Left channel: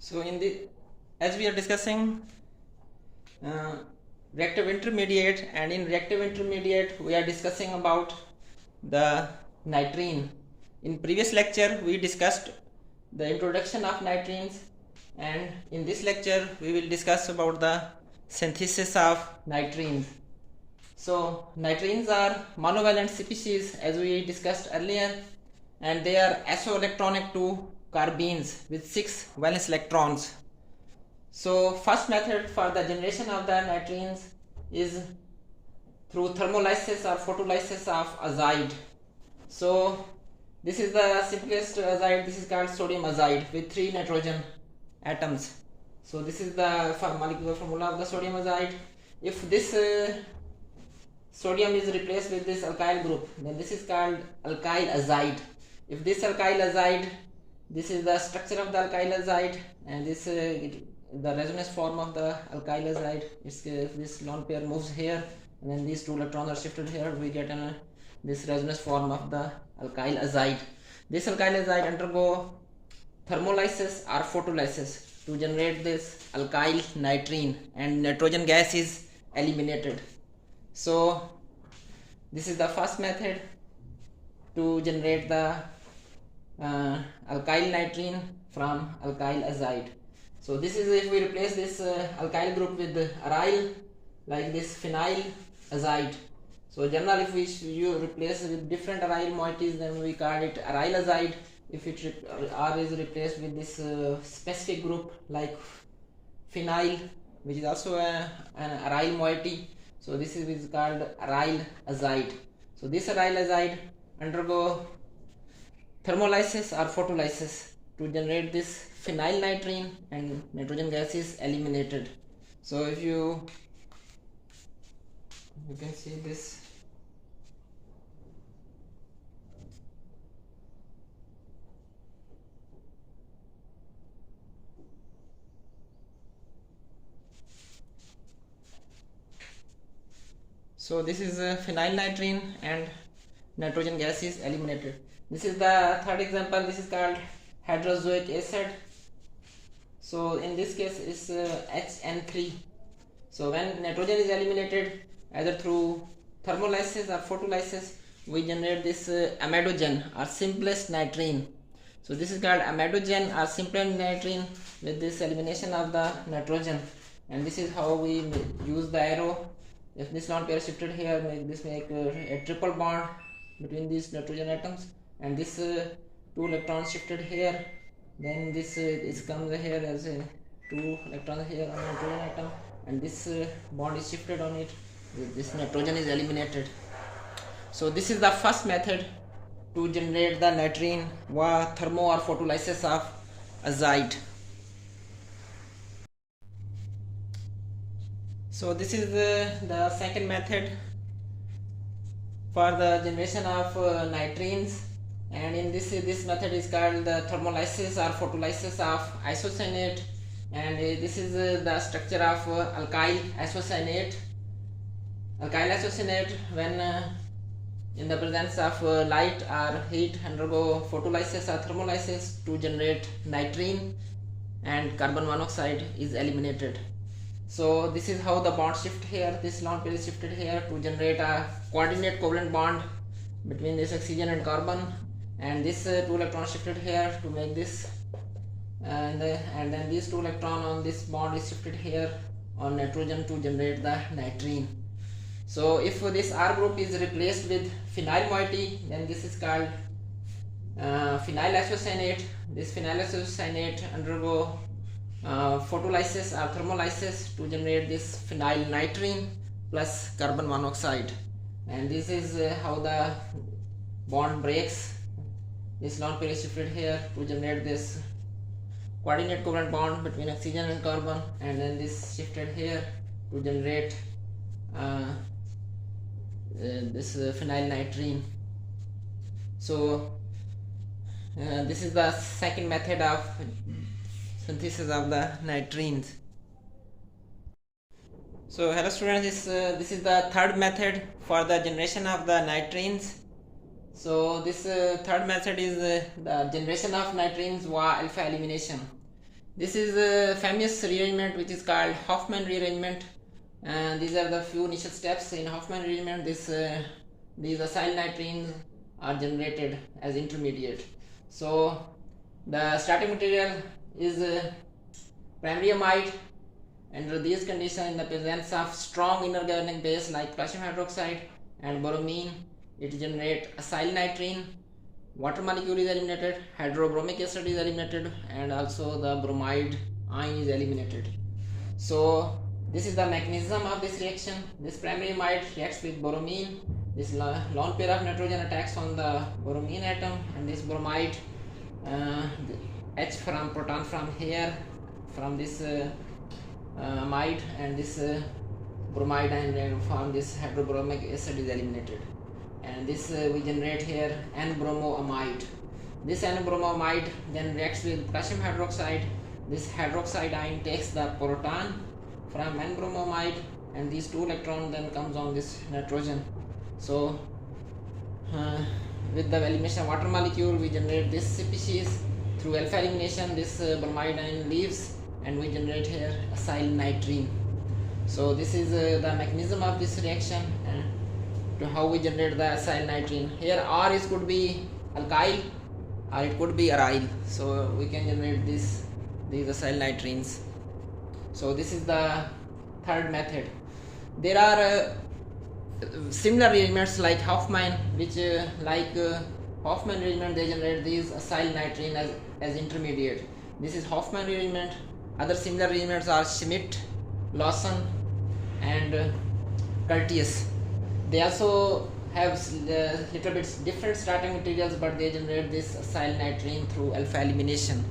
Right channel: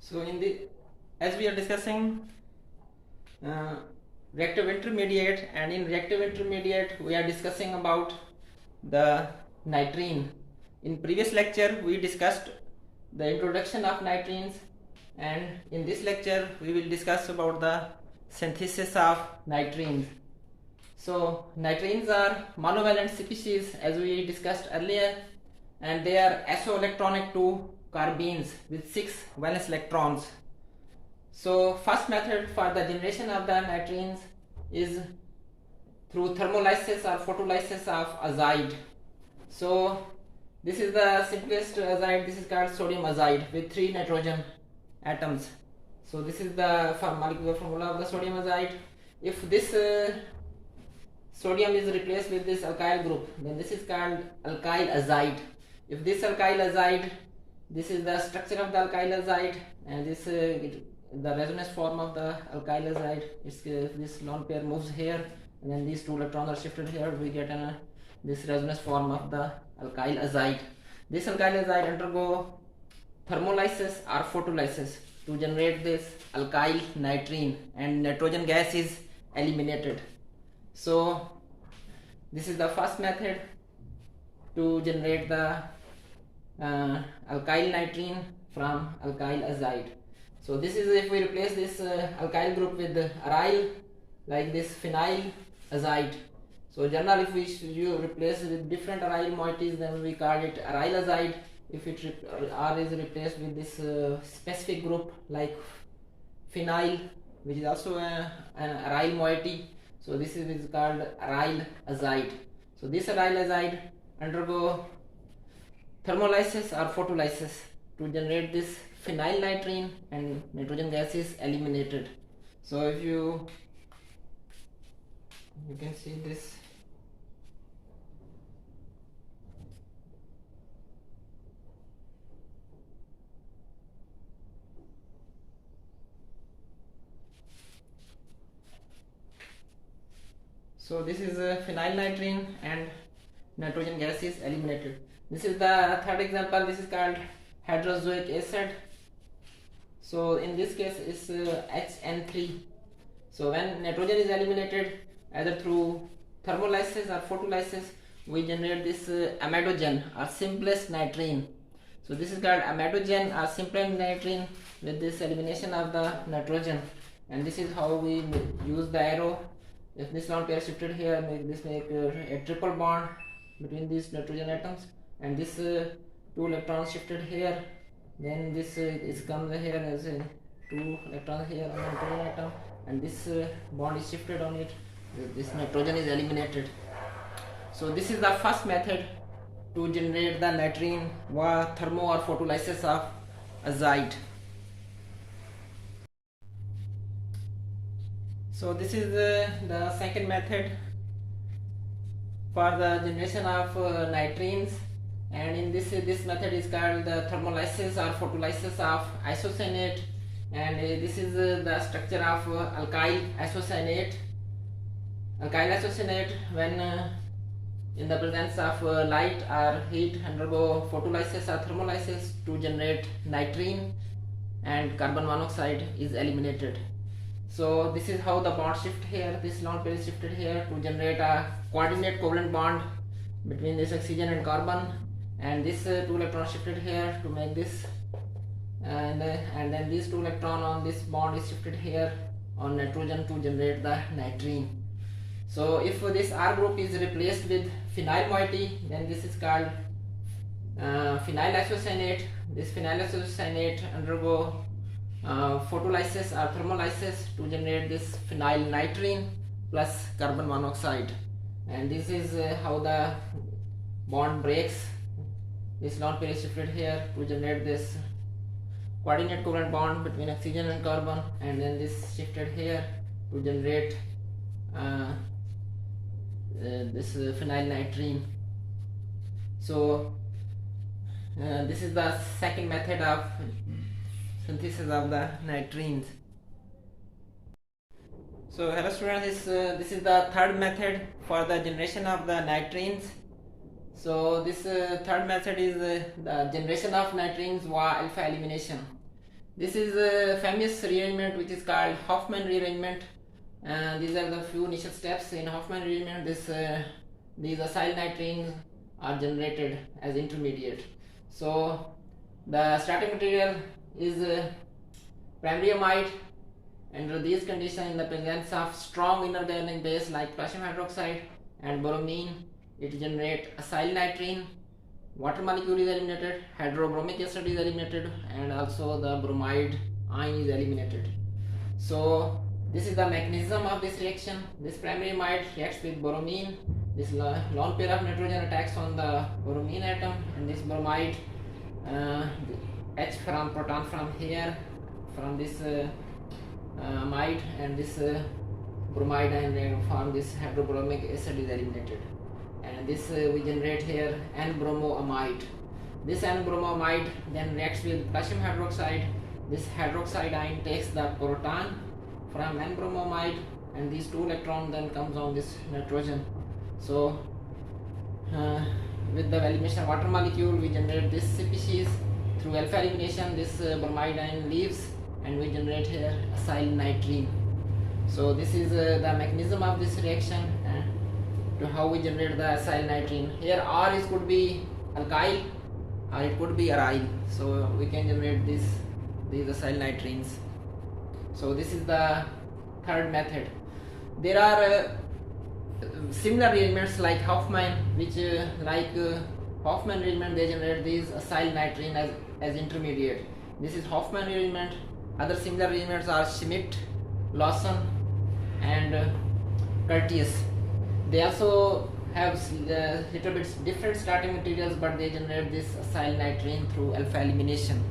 So as we are discussing reactive intermediate, and in reactive intermediate we are discussing about the nitrene. In previous lecture we discussed the introduction of nitrines, and in this lecture we will discuss about the synthesis of nitrines. So nitrines are monovalent species as we discussed earlier, and they are isoelectronic to carbenes with 6 valence electrons. So first method for the generation of the nitrines is through thermolysis or photolysis of azide. So this is the simplest azide. This is called sodium azide with 3 nitrogen atoms. So this is the molecular formula of the sodium azide. If this sodium is replaced with this alkyl group, then this is called alkylazide. If this alkylazide, this is the structure of the alkylazide, and this the resonance form of the alkylazide is this lone pair moves here, and then these 2 electrons are shifted here. We get this resonance form of the alkylazide. This alkylazide undergo thermolysis or photolysis to generate this alkyl nitrene, and nitrogen gas is eliminated. So this is the first method to generate the alkyl nitrene from alkylazide. So this is if we replace this alkyl group with aryl, like this phenyl azide. So generally if you replace with different aryl moieties, then we call it arylazide. If R is replaced with this specific group like phenyl, which is also an aryl moiety, so this is called arylazide. So this arylazide undergo thermolysis or photolysis to generate this phenyl nitrene, and nitrogen gas is eliminated. So if you can see this. So this is phenyl nitrene and nitrogen gas is eliminated. This is the third example. This is called hydrozoic acid. So in this case it's HN3. So when nitrogen is eliminated either through thermolysis or photolysis, we generate this amidogen or simplest nitrene. So this is called amidogen or simplest nitrene with this elimination of the nitrogen, and this is how we use the arrow. If this lone pair shifted here, make a triple bond between these nitrogen atoms, and this 2 electrons shifted here, then this is comes here as 2 electrons here on the nitrogen atom, and this bond is shifted on it. This nitrogen is eliminated. So this is the first method to generate the nitrene via thermo or photolysis of azide. So this is the second method for the generation of nitrines, and in this method is called the thermolysis or photolysis of isocyanate, and this is the structure of alkyl isocyanate. Alkyl isocyanate, when in the presence of light or heat, undergo photolysis or thermolysis to generate nitrene, and carbon monoxide is eliminated. So this is how the bond shift here. This lone pair is shifted here to generate a coordinate covalent bond between this oxygen and carbon, and this 2 electrons shifted here to make this, and then these 2 electrons on this bond is shifted here on nitrogen to generate the nitrene. So if this R group is replaced with phenyl moiety, then this is called phenyl isocyanate. This phenyl isocyanate undergo photolysis or thermolysis to generate this phenyl nitrene plus carbon monoxide, and this is how the bond breaks. This lone pair is shifted here to generate this coordinate covalent bond between oxygen and carbon, and then this shifted here to generate this phenyl nitrene. So this is the second method of synthesis of the nitrines. So hello students, this is the third method for the generation of the nitrines. So this third method is the generation of nitrines via alpha elimination. This is a famous rearrangement which is called Hoffmann Rearrangement, and these are the few initial steps in Hoffmann Rearrangement. These acyl nitrines are generated as intermediate. So the starting material is primary amide. Under these conditions, in the presence of strong inorganic base like calcium hydroxide and bromine, it generates acyl nitrine. Water molecule is eliminated, hydrobromic acid is eliminated, and also the bromide ion is eliminated. So this is the mechanism of this reaction. This primary amide reacts with bromine. This lone pair of nitrogen attacks on the bromine atom, and this bromide H from proton from here, from this amide, and this bromide ion from this hydrobromic acid is eliminated. And this we generate here N-bromoamide. This N-bromoamide then reacts with calcium hydroxide. This hydroxide ion takes the proton from N-bromoamide, and these two electrons then comes on this nitrogen. So with the elimination of water molecule, we generate this species. Through alpha elimination, this bromide ion leaves, and we generate here acyl nitrine. So this is the mechanism of this reaction, and to how we generate the acyl nitrine. Here R could be alkyl or it could be aryl. So we can generate these acyl nitrines. So this is the third method. There are similar rearrangements like Hoffmann, which Hoffmann rearrangement, they generate these acyl nitrine as intermediate. This is Hoffmann rearrangement. Other similar rearrangements are Schmidt, Lawson, and Curtius. They also have little bit different starting materials, but they generate this acyl nitrine through alpha elimination.